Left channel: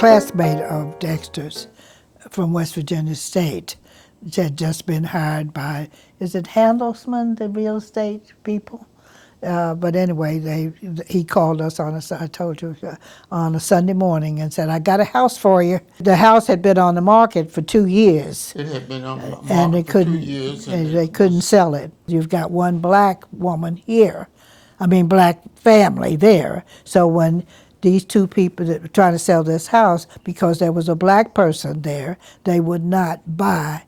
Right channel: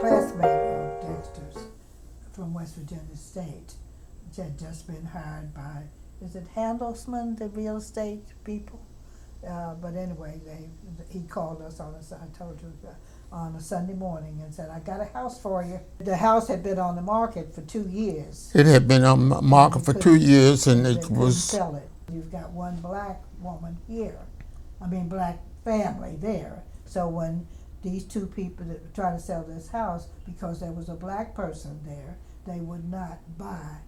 classmate of Dexter's from West Virginia State. Had just been hired by, is it Handelsman, the real estate people? But anyway, he called us on I told you, on a Sunday morning and said, I got a house for you. The house had been on the market for 2 years. It had been on the market for 2 years. And they couldn't sell it. You've got one black woman here, black family there. So when these two people that were trying to sell this house, because there was a black person there, they would not buy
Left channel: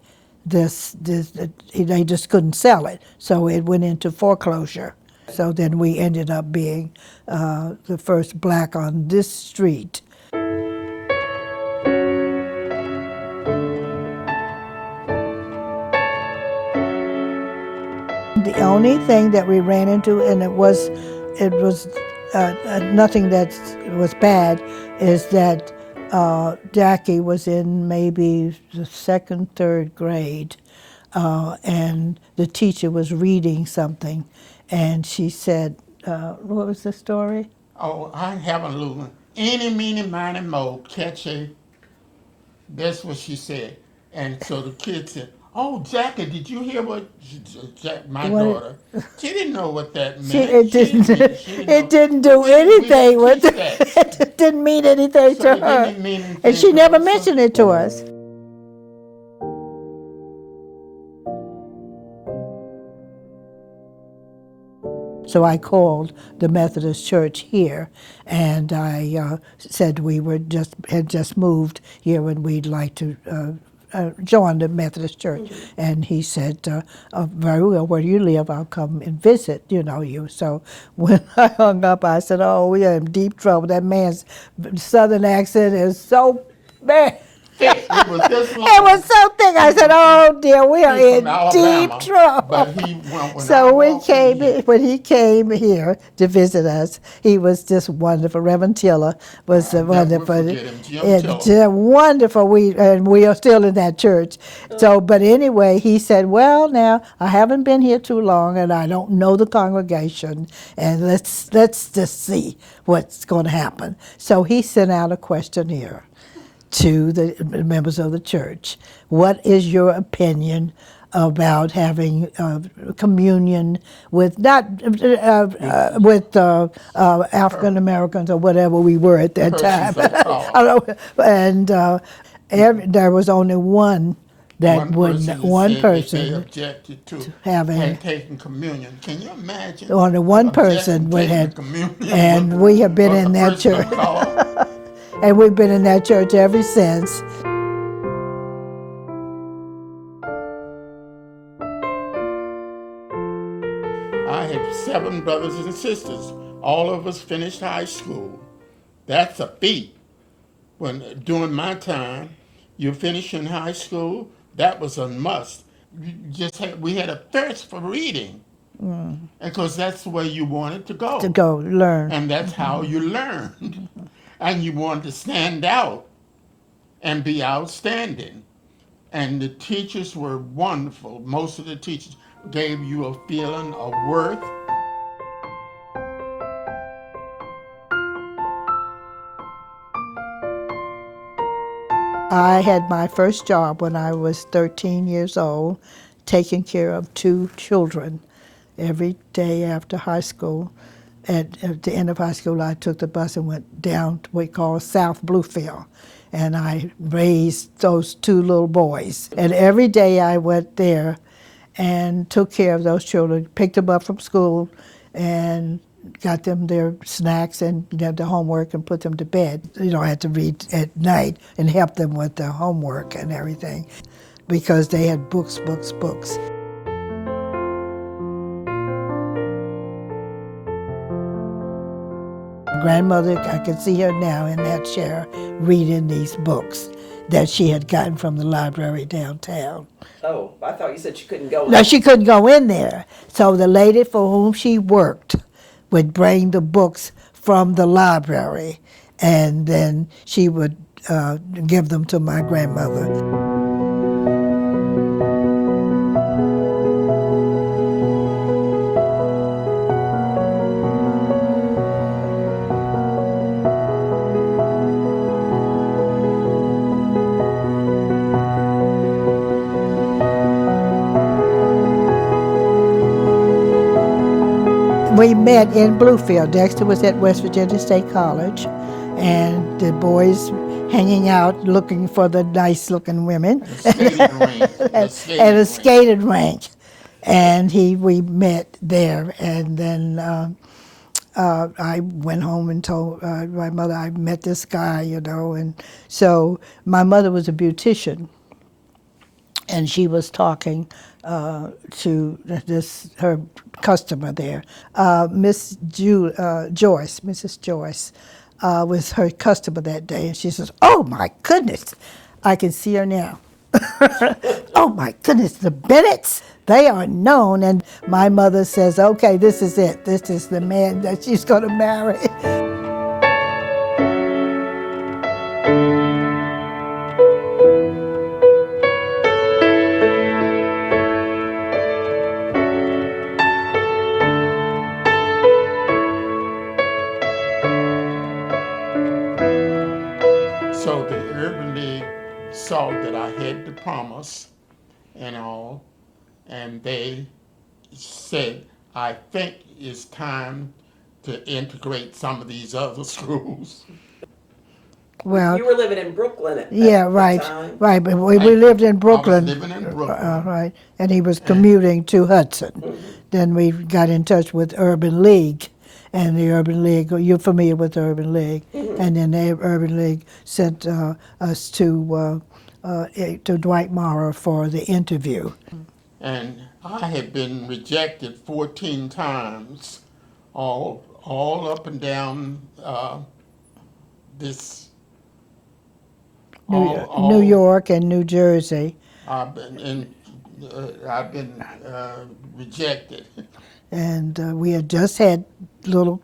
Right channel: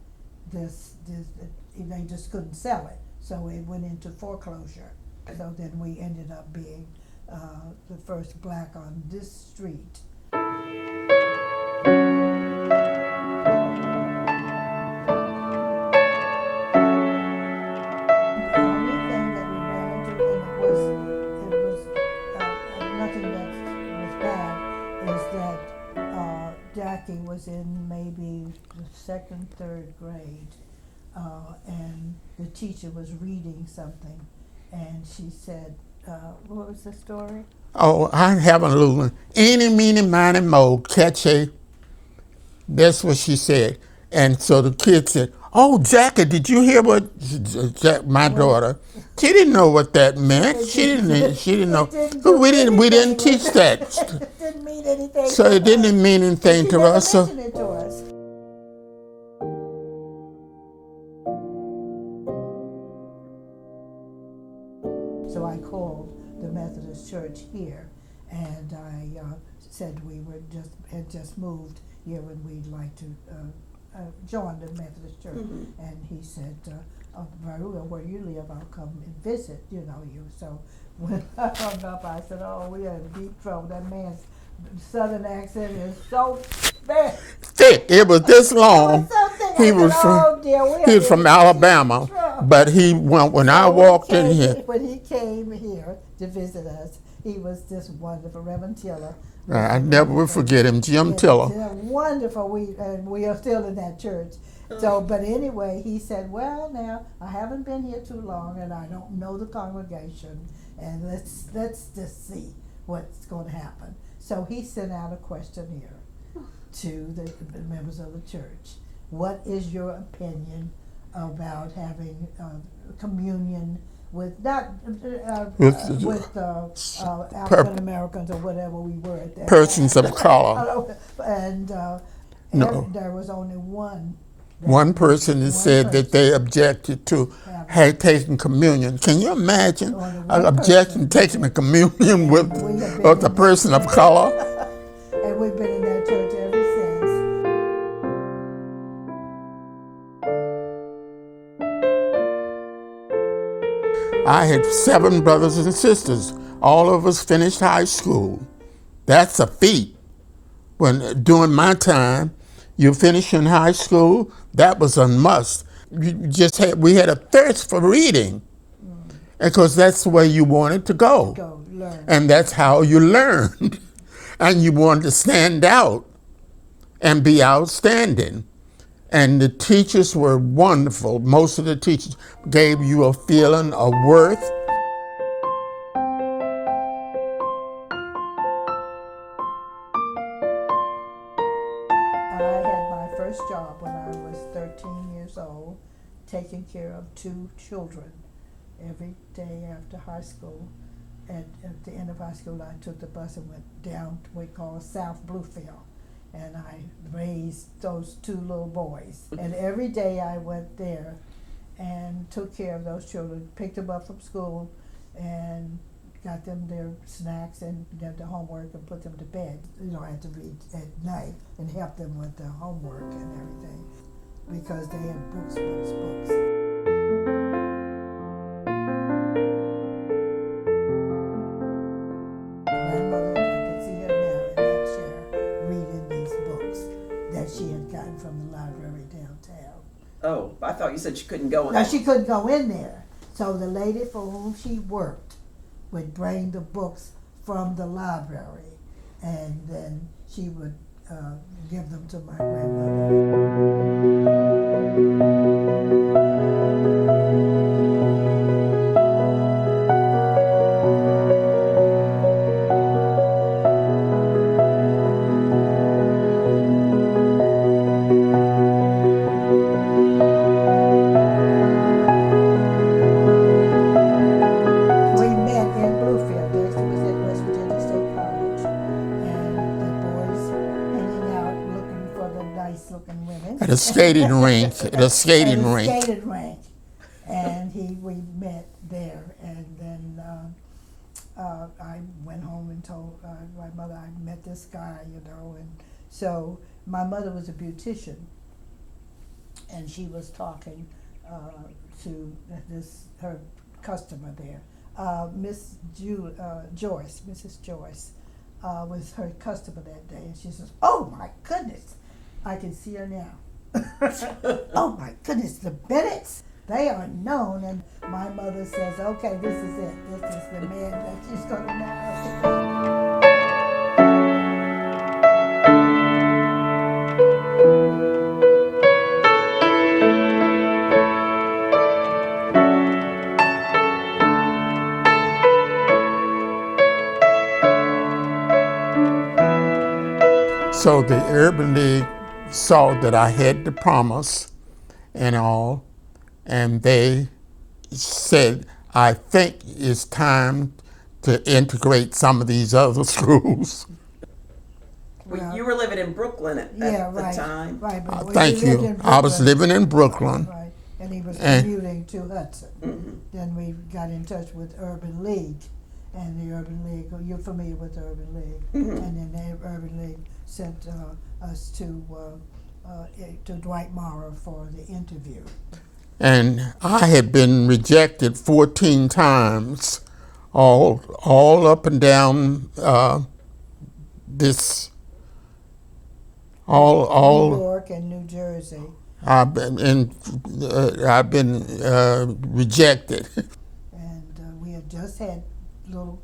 this, they just couldn't sell it. So it went into foreclosure. So then we ended up being the first black on this street. The only thing that we ran into, and it was nothing that was bad, is that Jackie was in maybe the second, third grade, and the teacher was reading something, and she said, what was the story? Oh, I have a little one. Eeny, meeny, miny, moe, catch a. That's what she said. And so the kid said, oh, Jackie, did you hear what my daughter? She didn't know what that meant. She didn't know. It didn't do anything. We didn't teach that. It didn't mean anything so to her. So it didn't mean anything to us. And she never mentioned it to us. So I called the Methodist Church here, and I said we had just moved here and we'd like to join the Methodist Church. Mm-hmm. And he said, very well, where do you live? I'll come and visit, you. So when I hung up, I said, oh, we are in deep trouble. That man's Southern accent is so bad. Thick. It was this long. It was so thick. I said, "Oh dear, we are in from Alabama, deep trouble." But he went when I walked in here. When he came here to visit us, he was just wonderful. Reverend Tiller was wonderful. I never forget him, Jim Tiller. Wonderful. We are still in that church. So, but anyway, he said, "Well, now I haven't been here too long, and I don't know the congregation, and let's just see what's going to happen." So he sent out a questionnaire to the members of the church. What is your opinion about having communion with with African Americans or whatever we were at that persons time? Of color. And there was only one. One person said that they objected to taking communion. Can you imagine? Only one person taking the communion with we have been in a person of color. And we've been in that church ever since. I had 7 brothers and sisters. All of us finished high school. That's a feat. During my time, you finish in high school, that was a must. We had a thirst for reading. Because that's the way you wanted to go. To go learn. And that's how you learned. And you wanted to stand out and be outstanding. And the teachers were wonderful. Most of the teachers gave you a feeling of worth. I had my first job when I was 13 years old, taking care of 2 children every day after high school. At the end of high school, I took the bus and went down to what we call South Bluefield, and I raised those 2 little boys. And every day I went there and took care of those children, picked them up from school, and got them their snacks and their homework and put them to bed. I had to read at night and help them with their homework and everything, because they had books. Grandmother, I can see her now in that chair reading these books that she had gotten from the library downtown. Oh, I thought you said she couldn't go in. No, she couldn't go in there. So the lady for whom she worked would bring the books from the library, and then she would give them to my grandmother. We met in Bluefield. Dexter was at West Virginia State College, and the boys hanging out looking for the nice-looking women. At a skating rink. At a skating rink. And we met there, and then I went home and told my mother I met this guy, and so my mother was a beautician, and she was talking to her customer there, Mrs. Joyce was her customer that day, and she says, "Oh my goodness, I can see her now." "Oh my goodness, the Bennetts, they are known." And my mother says, "Okay, this is it. This is the man that she's going to marry." So the Urban League saw that I had the promise and all, and they said, "I think it's time to integrate some of these other schools." Well, you were living in Brooklyn at yeah, the right, time. right. But we Thank lived you. in Brooklyn. I was living in Brooklyn. Right, and he was commuting to Hudson. Then we got in touch with Urban League, and the Urban League. You're familiar with the Urban League, and then the Urban League sent us to Dwight Morrow for the interview. And I had been rejected 14 times, all up and down this. New York and New Jersey. I've been rejected. And we had just had little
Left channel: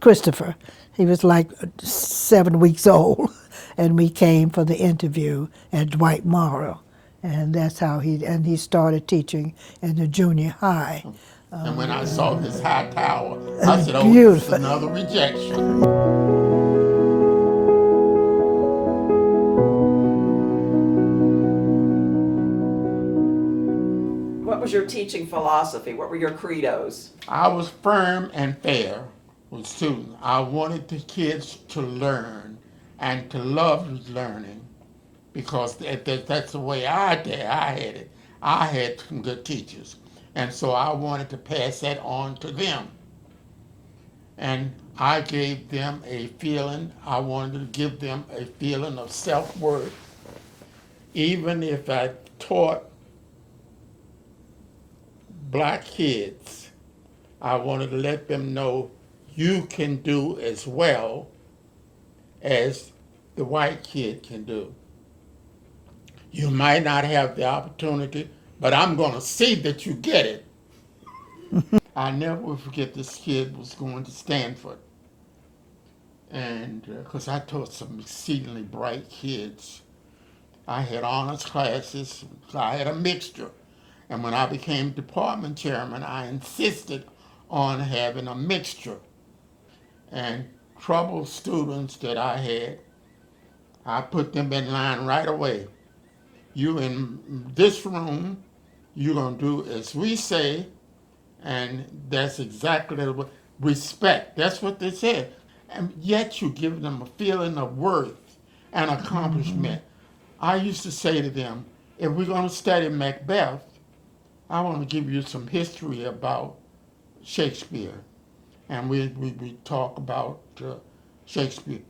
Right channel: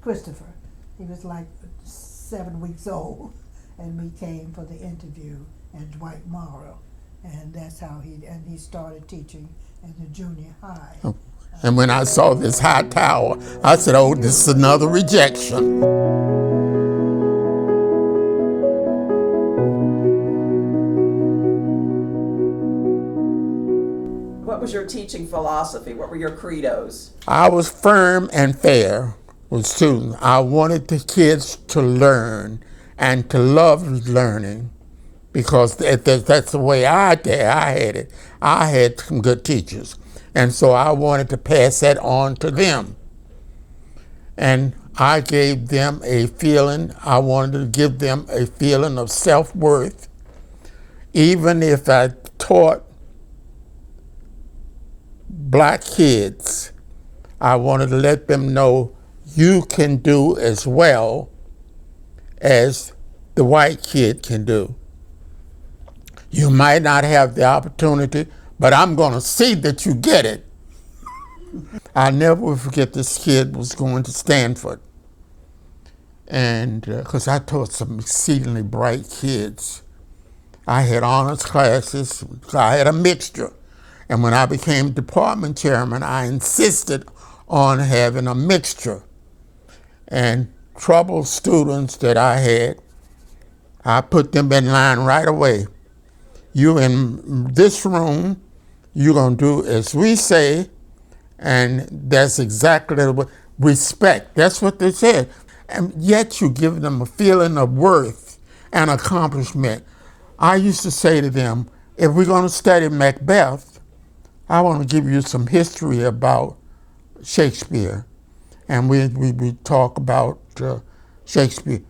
Christopher. He was like 7 weeks old, and we came for the interview at Dwight Morrow, and that's how he started teaching in the junior high. And when I saw this high tower, I said, "Oh, this is another rejection." What was your teaching philosophy? What were your credos? I was firm and fair with students. I wanted the kids to learn and to love learning, because that's the way I had it. I had some good teachers, and so I wanted to pass that on to them. And I gave them a feeling, I wanted to give them a feeling of self-worth. Even if I taught black kids, I wanted to let them know you can do as well as the white kid can do. You might not have the opportunity, but I'm going to see that you get it. I never will forget this kid was going to Stanford, and because I taught some exceedingly bright kids. I had honors classes, so I had a mixture. And when I became department chairman, I insisted on having a mixture. And troubled students that I had, I put them in line right away. You in this room, you're going to do as we say, and that's exactly what respect. That's what they said. And yet you give them a feeling of worth and accomplishment. I used to say to them, if we're going to study Macbeth, I want to give you some history about Shakespeare. And we talk about Shakespeare.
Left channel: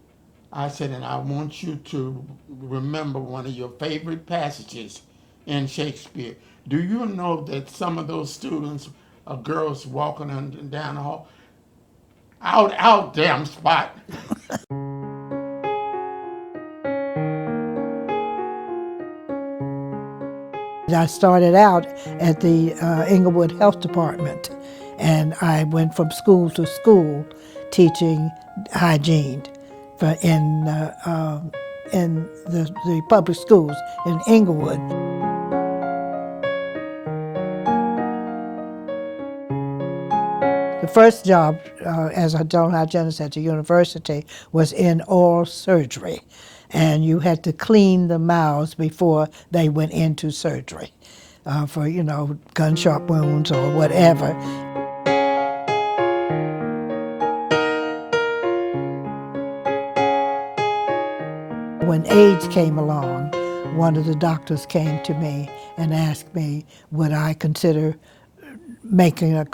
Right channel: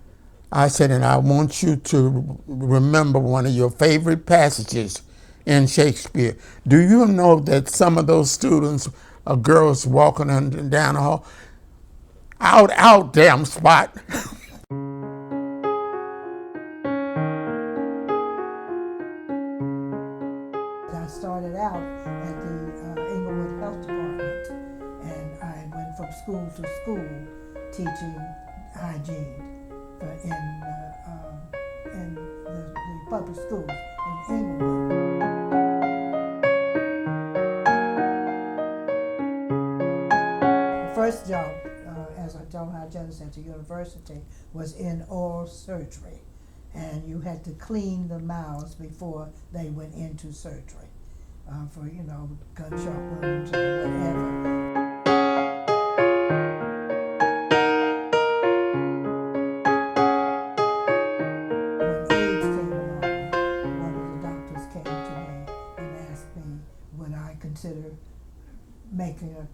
I said, and I want you to remember one of your favorite passages in Shakespeare. Do you know that some of those students are girls walking down the hall? Out, damn spot. I started out at the Englewood Health Department, and I went from school to school teaching hygiene in the public schools in Englewood. The first job as a dental hygienist at the university was in oral surgery, and you had to clean the mouths before they went into surgery for, gunshot wounds or whatever. AIDS came along, one of the doctors came to me and asked me, would I consider making a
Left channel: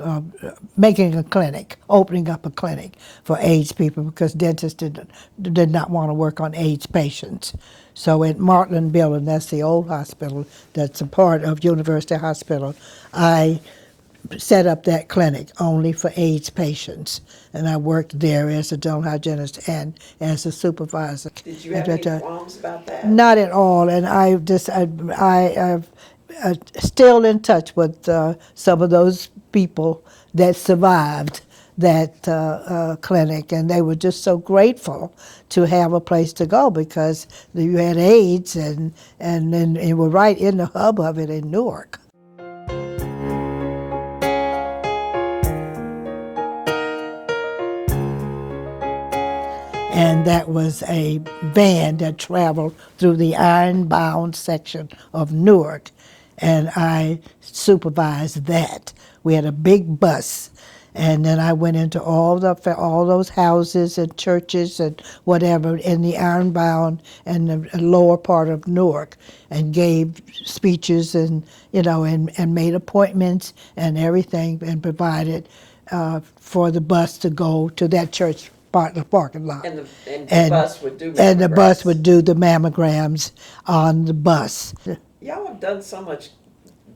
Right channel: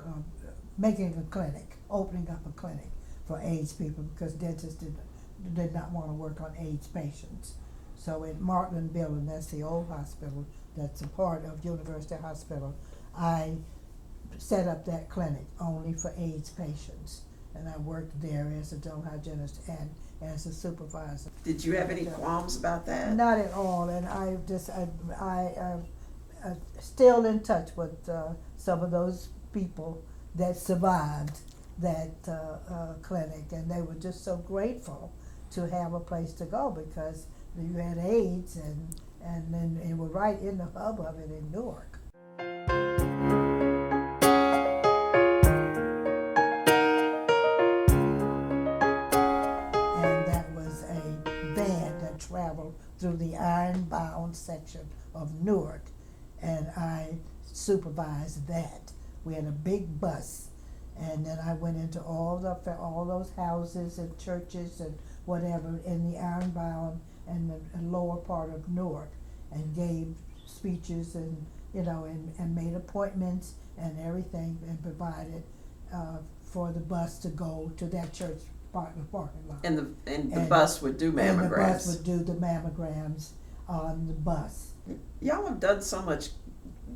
clinic, opening up a clinic for AIDS people, because dentists did not want to work on AIDS patients. So at Martland Building, that's the old hospital that's a part of University Hospital, I set up that clinic only for AIDS patients. And I worked there as a dental hygienist and as a supervisor. Did you have any qualms about that? Not at all. And I'm still in touch with some of those people that survived that clinic, and they were just so grateful to have a place to go, because you had AIDS and you were right in the hub of it in Newark. And that was a van that traveled through the iron-bound section of Newark, and I supervised that. We had a big bus, and then I went into all those houses and churches and whatever in the iron-bound and the lower part of Newark, and gave speeches and and made appointments and everything, and provided for the bus to go to that church part of the parking lot. And the bus would do mammograms. And the bus would do the mammograms on the bus. Y'all have done so much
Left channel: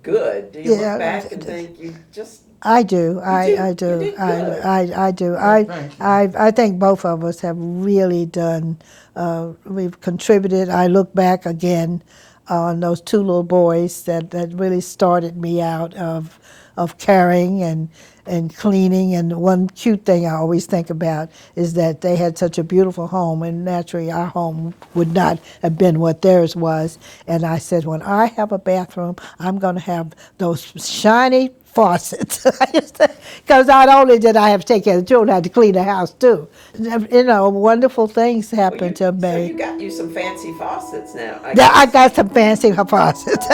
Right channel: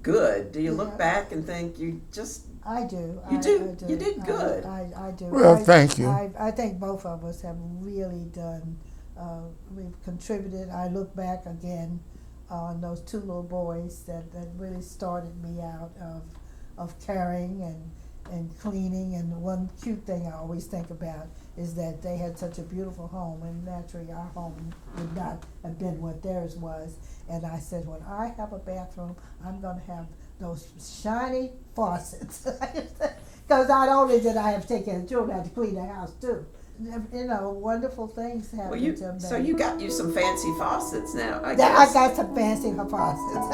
good. Do you look back and think you just... I do. I do. You did good. I do. Well, thank you. I think both of us have really done, we've contributed. I look back again on those two little boys that really started me out of caring and cleaning. And one cute thing I always think about is that they had such a beautiful home, and naturally our home would not have been what theirs was. And I said, when I have a bathroom, I'm going to have those shiny faucets. Because not only did I have to take care of the children, I had to clean the house too. Wonderful things happened to me. So you got you some fancy faucets now. I got some fancy faucets.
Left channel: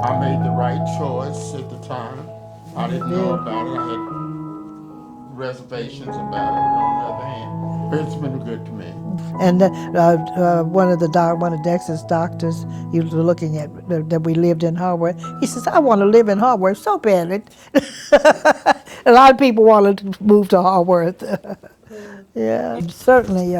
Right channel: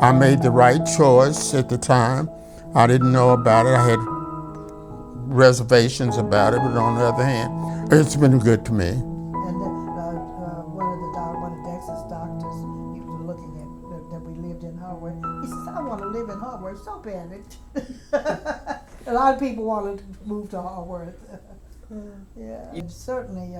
I made the right choice at the time. I didn't know about it. I had reservations about it, but on the other hand, it's been good to me. And one of Dexter's doctors, he was looking at that we lived in Haworth. He says, "I want to live in Haworth so badly." A lot of people wanted to move to Haworth. Yeah, certainly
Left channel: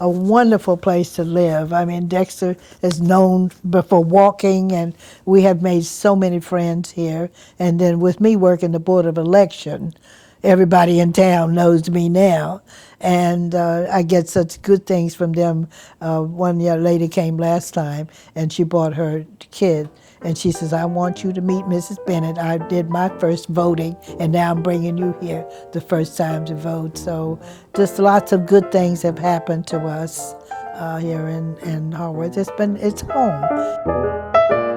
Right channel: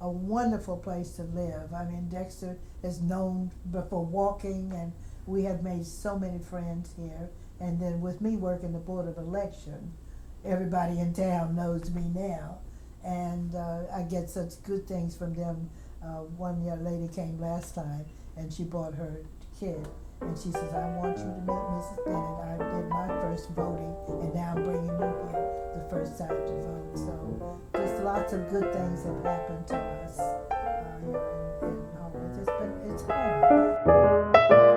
a wonderful place to live. I mean, Dexter is known for walking, and we have made so many friends here. And then with me working the Board of Election, everybody in town knows me now. And I get such good things from them. One young lady came last time, and she brought her kid, and she says, "I want you to meet Mrs. Bennett. I did my first voting, and now I'm bringing you here the first time to vote." So just lots of good things have happened to us here in Haworth. It's home.